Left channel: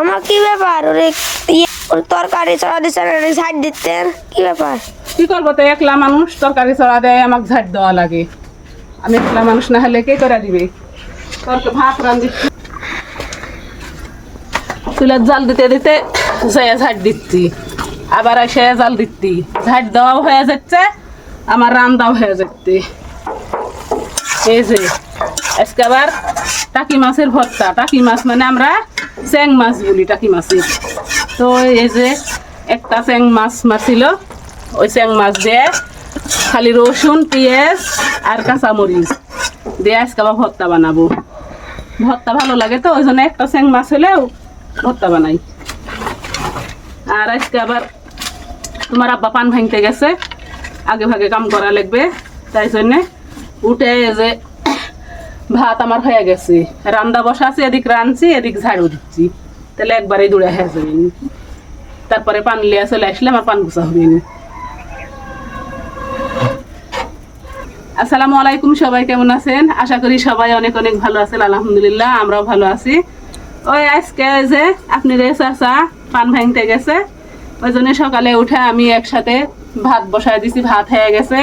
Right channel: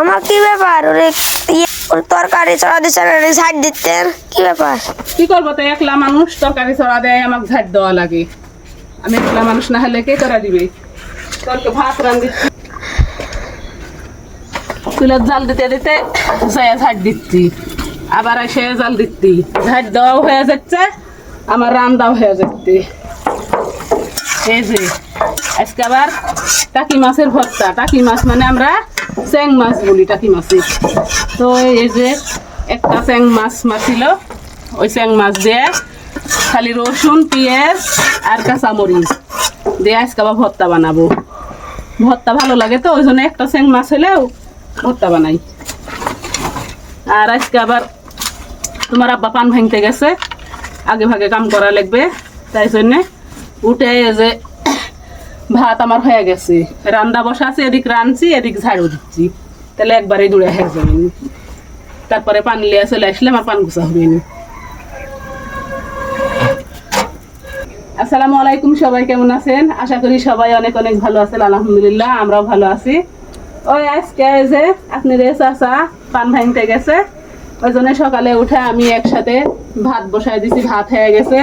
আমার কি ব্যাপার? ওরে ইয়ে ওর তরকারি চড়া দিচ্ছে সাইড দিতে। কি ব্যাপার? কি করব তো, একলা মানুষ, তরকারি চড়া দেয়, আমাকে ঝাড় দেওয়া লাগে। আমি একলা মানুষ না হলে কে করে দিবে? তোরকে ভাত রান্ধি। চুলের জাল দিতে দিতে যাইয়া ঝাড় দিচ্ছি। আবার এসে জাল দিচ্ছি। ঝাড় দেওয়াও হয়ে যাচ্ছে, আমার রান্দাও হয়ে যাচ্ছে। এই যে আজকে আবার টাকি মাছের ভর্তা। টাকি মাছ মানে আমরা চ্যাং মাছ বলি, টাকি মাছের। তো এই যে একটা চ্যাং মাছ মাছিল ওই চ্যাং মাছ দিয়ে খালি রসুন, পেঁয়াজ আর কাঁচামরিচ দিয়ে আজকে আবার ভর্তা বানাবো। ভর্তা ভালো লাগে তো, ওই জন্য একটা চ্যাং মাছ হলেও ভর্তা বানাই। আর আজকে আবার তোমার আব্বা পান ভাঙতে গেছে, আগে ভাগে কাম করা লাগবে, তাই জন্যে উঠে যে ভাত আমার হয়ে গেছে। রান্না বসা আছে, এদিক রাঁধছি, এদিক ঝাড়ু দিচ্ছি। তাহলে একবারে দূরে হয়ে যাবে তারপরে পান লিয়ে চলে আসলে আমার পান গুছা হবে। আসসালামু আলাইকুম, সবাই কেমন আছেন? আশা করি সবাই অনেক অনেক ভালো আছেন, আলহামদুলিল্লাহ, আমরাও ভালো আছি। ওই আজকে ওই যে আপনি রে চাচা, পান ভাঙতে গেছে। ওই জন্য সকালে উঠে আমি একসাথে ভাত বসায় দিছি, ভাত হয়ে গেছে।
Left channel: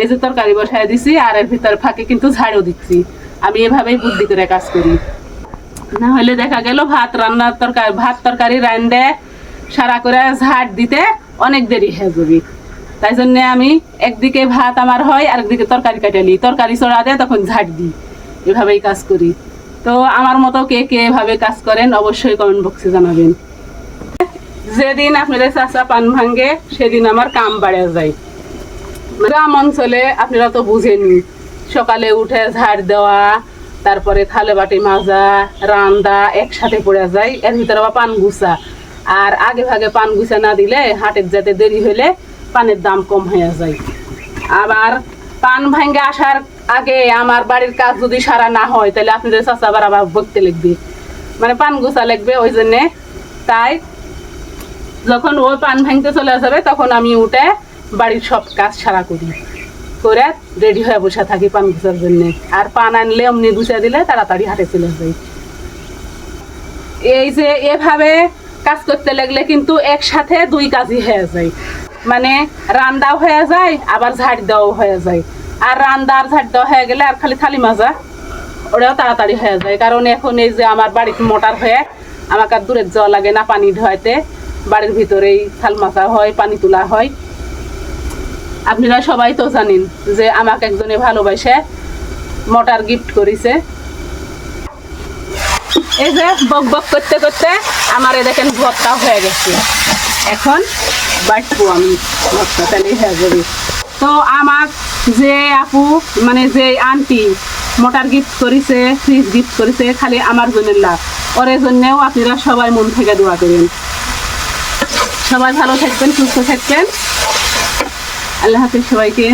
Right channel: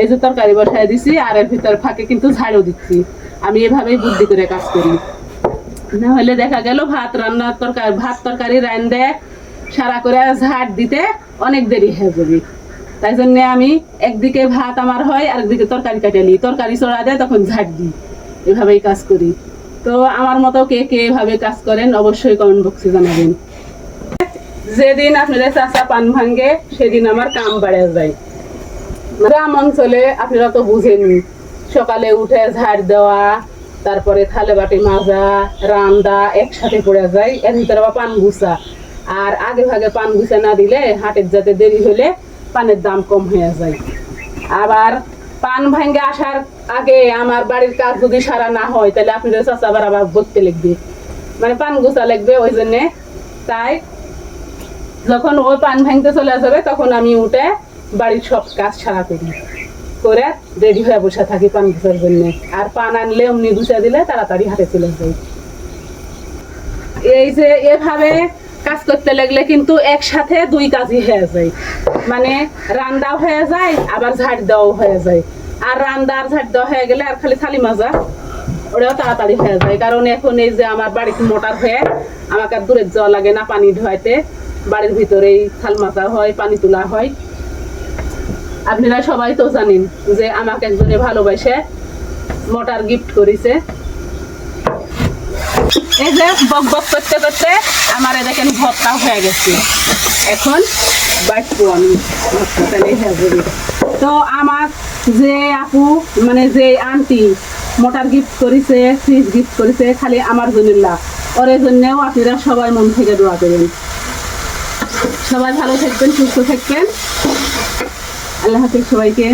এই যে তরকারি বসায় দিছি, আর এর ভিতর ফাঁকে কিন্তু ঝাড়ু দিচ্ছি। আমি এভাবেই বুদ্ধি করে কাজ করি। না হলে দেখা গেল ভাত রান্নার তরকারি ভাত তরকারি রান্ধে সারা করে ঝাড় দিতে অনেক দেরি হয়ে যাবে। তাই জন্য আমি একদিকে ভাত আমার হয় আর একদিকে তরকারি কেটে নিই। তরকারি চড়া দেয়, তখন ঝাড় দিই। এভাবেই কাজ করি। তো আমার মতো কে কে এভাবে কাজ করেন অবশ্যই কমেন্ট বক্সে জানাবেন। যেদিন আপনাদের চাচা পান ভাঙ্গে সেদিন আমার কাম বাড়ে যায়। গ্রাম অঞ্চলে আপনারা তো বুঝেনি সকালে উঠে ঝাড় দেওয়া, তারপরে থালে বাটি মাজা, রান্দা একসাথে পড়ে যায়, এর ভিতরে আবার পান গুছা। আর আগে ভাগে পান গুছা না দিলে হাটের যাতে দেরি হলে পানের দাম কম হয়ে যায়। আবার পান ভাঙ্গে আসার আগে আমার বাড়ির কাজ যদি সারা না হয়, তাহলে আপনি আপনাদের চাচা আবার আবার বকতে লিখবে মানে পান গুছা লিখবে ওই জন্যে। তাই যখন ওই পান ভাঙতে চলে যাবে, তখন আমি উঠে বাড়ির সব কাজ সারা করি। করে রেডি হয়ে বসে থাকি পান গুছার জন্য। আর পান আনলে অমনি গুছা দিলে তাড়াতাড়ি হাটে চলে যাই। এই যে এভাবে কাজ করতে লাগলে কিন্তু একসাথে দুই কাজই হয়ে যায়। মানে রান্দাও হয়ে যায়, আবার ঝাড় দেওয়াও হয়ে যায়। আর রান্দা আর ঝাড় দেওয়া হয়ে গেলে আর খালি থালি মাজা, ওটাও তাড়াতাড়ি হয়ে যায়। কারণ এখন এই যে আমার বাড়িতে মোটর হয়ে আমাকে আর দূরে যাওয়া লাগে না পানি ধোয়াইতে বাড়ির ভিতরেই থাল মাথা হয়, পানি তোলা হয়। আপনারা সবাই তো জানেন যে আমাকে একজনে ভালোবাসে, মোটর গিফট করেছে। এই যে বক বক করতে করতে আমার দেখেন ভর্তা হয়ে গেছে। এখন বাটবো আমি। তো আমার যে আপু মানে যে আন্টি মোটার গিফট করেছে ফ্রিজ গিফট করেছে, খালি আমার জন্য লাভ। ওর জন্যও আপনারা সবাই মন থেকে দোয়া করেন। সবাই ভালো থাকবেন, সুস্থ থাকবেন। আল্লাহ হাফিজ সবাইকে।